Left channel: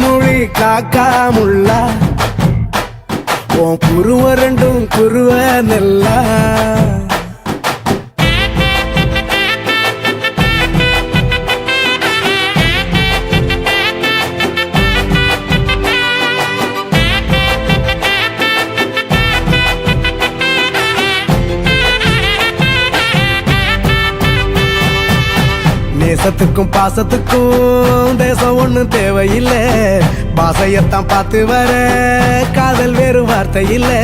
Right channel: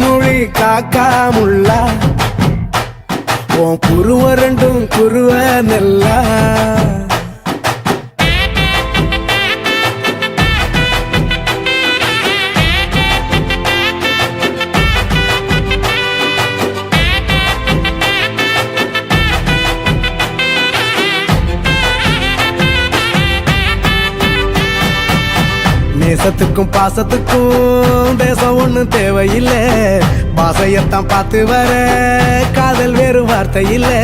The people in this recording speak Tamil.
மொழி காக்கா முள்ளா உன் குருவ ரெண்டும் குருவ நெல்லா நேசத்துக்கும் பாசத்துக்கும் தேசம் ஒண்ணும் தேவையில்லை பாசையத்தான் பார்த்து வர காதல் வேறு வார்த்தை இல்லை